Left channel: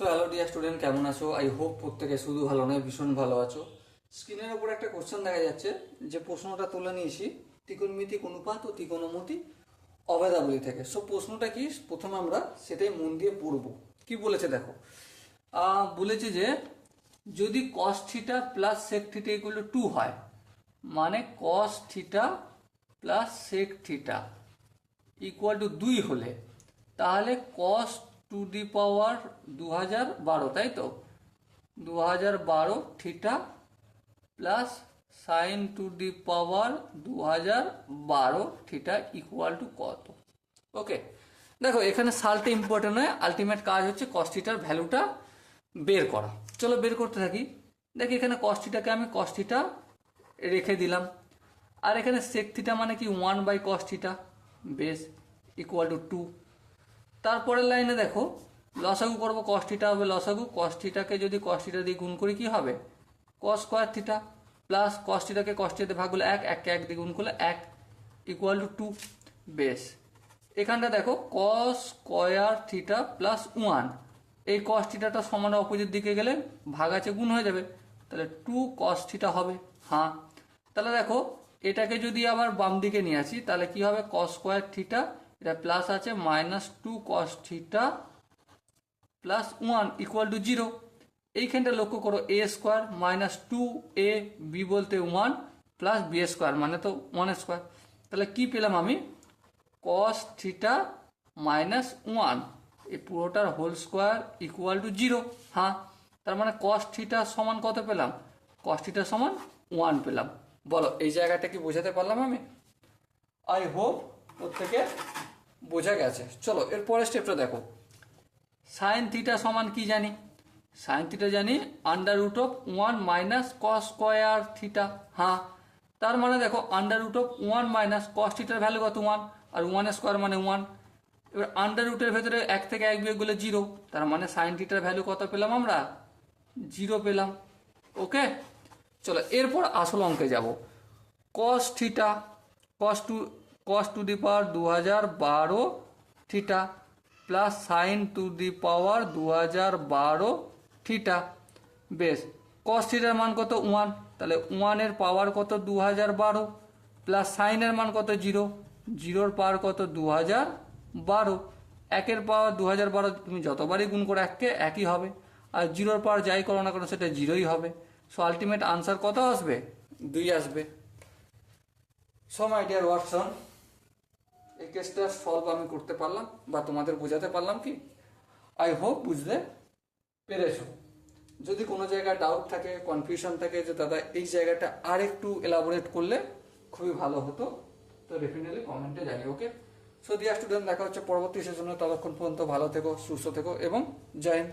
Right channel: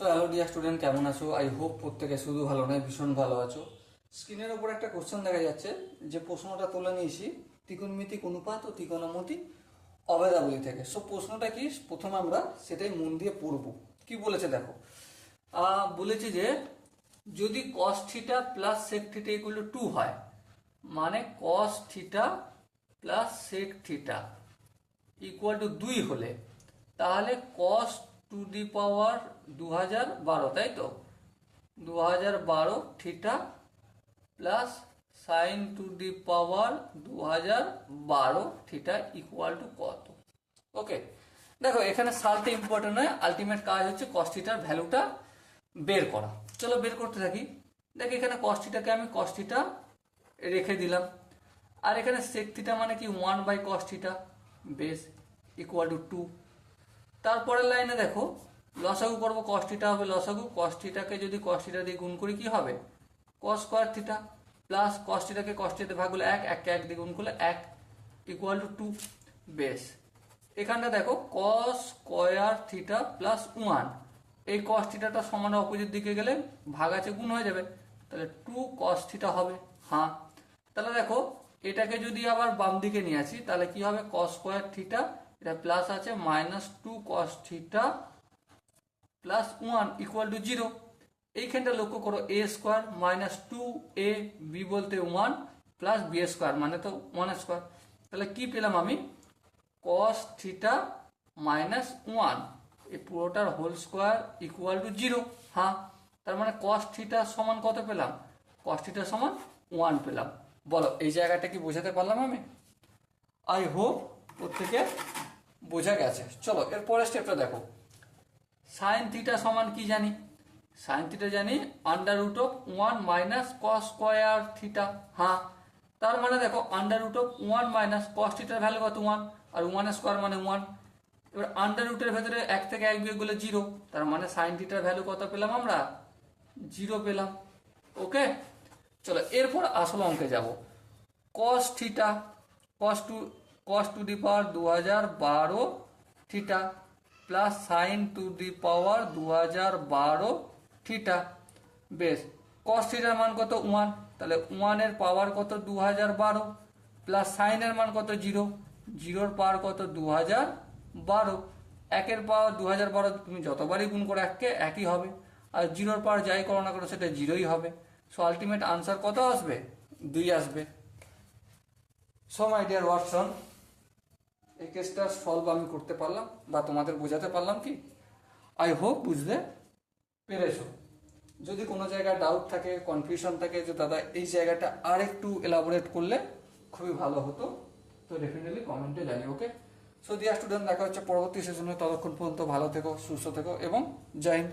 So hello dear student, কেমন আছো? I hope প্রত্যেকে শুধু ভালো নয়, ভীষণ ভালো আছো। স্ক্রিনের উপর একটা কোশ্চেন দেখা যাচ্ছে, যে প্রশ্নটা তুলে নিয়েছি ত্রিকোণমিতিক অনুপাত ও ত্রিকোণমিতি অভেদাবলী থেকে। সো প্রশ্নটা কি, প্রথমে আমরা সেটাই মন দিয়ে পড়ব। কি বলেছে দেখো, বলেছি যে যদি cos theta plus sec theta equal to 2 হয়, মানে cos theta plus sec theta equal to 2 হলে, তাহলে কস টু দি পাওয়ার 2012, তাই তো, 2012 theta plus sign to the power 2012 theta equal two কত? ওকে, দেখো এখানে সালটা ইম্পর্টেন্ট নয়, আলটিমেট কাজ হচ্ছে কস থিটার ভ্যালুটা বের করা। চলো বের করতে থাকি। দেখি এখানে কস থিটাকে আমি কস থিটা রেখে দিলাম, আর এখানে সেক থিটা মানে কি 1/cos theta base equal to 2। তারপরের লাইনে দেখো লসাগু করবো, কস থিটা হবে লসাগু, কস থিটাকে যদি কস থিটা দিয়ে গুণ করি কি হবে, cos square theta, plus cos থিটাকে কস থিটাতে ভাগ করলে 1, 1কে 1 দিয়ে গুণ করলে 1 ইকুয়াল টু 2 বেস। এখানটা দেখো কস স্কোয়ার থিটা প্লাস 1, এই কস থিটাটা সমান অপোজিট দিকে গেলে ভাগ আছে গুণ হয়ে যাবে, তাহলে 2 কস থিটা হবে। হ্যাঁ, তাহলে দেখো এটাকে যদি আবার বাম দিকে নিয়ে আসি তাহলে কি হবে, কস স্কোয়ার থিটা, এটা প্লাস আছে -2 কস থিটা প্লাস 1 ইকুয়াল টু 0। এইখানটা লক্ষ্য করো, এ স্কোয়ার মাইনাস 2a, বি বলতে 1 প্লাস বি স্কোয়ার মানে তো 1 স্কোয়ার। তাহলে কি পেলাম আমি, কস থিটা মাইনাস 1, এই পুরোটার হোল স্কোয়ার ইকুয়াল টু 0। হ্যাঁ, তার মানে কস থিটা সমান কত পেলাম, কস থিটা সমান 1 পেলাম। বলো এই জায়গাটা কি বোঝাতে পারলাম আমি? আই হোপ প্রত্যেকে বোঝা গেছে। চলো এর পরের স্টেপটা দেখো, সাইন থিটা সমান কি জানি, সাইন থিটা জানি √1 মাইনাস কস স্কোয়ার থিটা। হ্যাঁ, তার মানে দেখো √1 মাইনাস কস থিটার ভ্যালু কত 1, আর 1 স্কোয়ার মানে 1। এবার আন্ডার ভেতরে 1 থেকে 1 বিয়োগ করলে 0, তার মানে সাইন থিটার ভ্যালু কত পেলাম আমরা, 0 পেলাম। ওকে, চলো এরপর আসল অঙ্কে যাব। Cos theta, cos to the power 2012 theta plus sign to the power 2012 theta বেশ। কস থিটার মান কত 1, তাহলে 1 এর পাওয়ার কত 2012 প্লাস সাইনের মান কত 0, 0 পাওয়ার কত 2012, 1 পাওয়ার 2012 তুমি যতবারই গুণ করো 1কে একই হবে, আর 0 পাওয়ার যাই করো না করো সেটা 0ই হবে। সো আলটিমেট আনসার কত আসবে, 2 আসবে। সো মাই ডিয়ার ওয়াটসন, এই কেসটা সলভ আমি করতে পারলাম বা তোমাদের বোঝাতে পারলাম কি? আই হোপ বুঝতে পেরেছো। যদি কোনো জায়গায় ডাউট থাকে, কনফিউশন থাকে যে দাদা এই জায়গাটা আর একটু এলাবোরেট করলে খুবই ভালো হতো, তো ডেফিনেটলি কমেন্টে জানি। ওকে, সো ডিয়ার স্টুডেন্ট, দেখা হচ্ছে পরবর্তী সেশনে। ততক্ষণ পর্যন্ত ভালো থেকো, সুস্থ থেকো এবং জয় হিন্দ।